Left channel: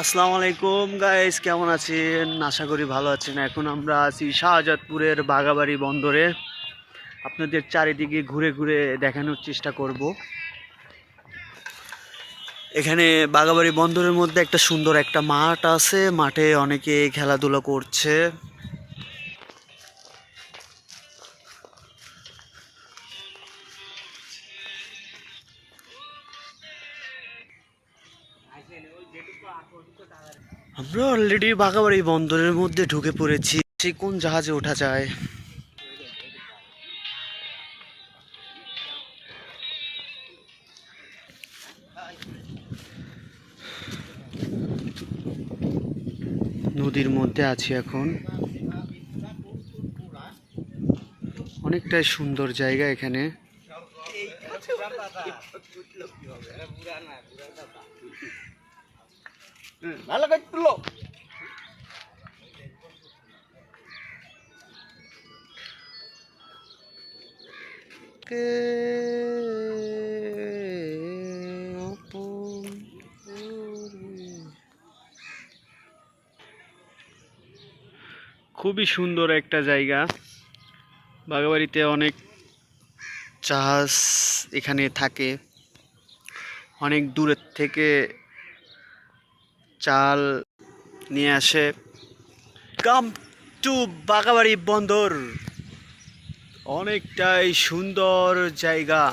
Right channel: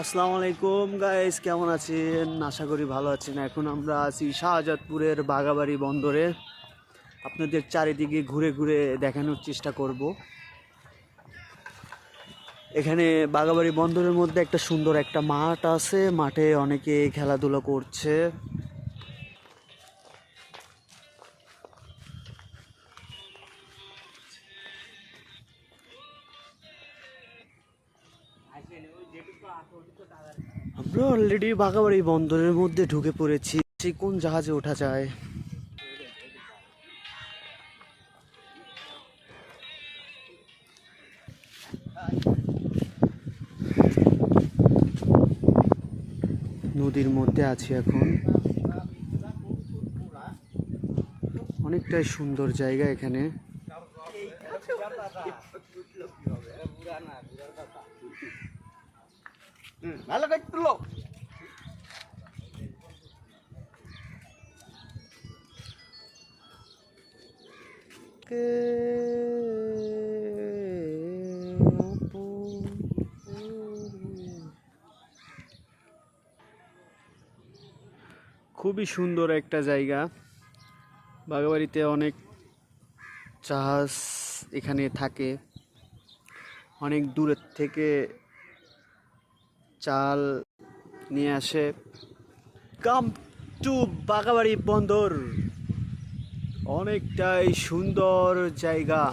আসসালামু আলাইকুম গাইস, কেমন আছেন? আশা করি ভালো আছেন। এখন আমরা আছি শাহজাদপুরের বাঘাবাড়ি বন্দরে। আপনাদের চারিদিকে ঘুরে ঘুরে দেখানোর চেষ্টা করব। এখানে বাঘাবাড়ি বন্দরের মধ্যে একটা সুন্দর একটা মাঠ আছে, মাঠে অনেকে খেলাধুলা করছে। আমরা অলরেডি বাঘাবাড়ি বন্দরের মধ্যে ঢুকে পড়েছি। সে কোন জাহাজে ওঠা যায়? নদীর মধ্যে আছি এখন। অনেকটাই সুন্দর জায়গা এখানে। খুবই সুন্দর একটা জায়গা। বাঘাবাড়িতে অনেক জাহাজ এখানে থাকে, অনেক দূরের থেকে চাল নিয়ে আসে। কাম টু বাঘাবাড়ি বন্দর, অনেকটাই সুন্দর জায়গা।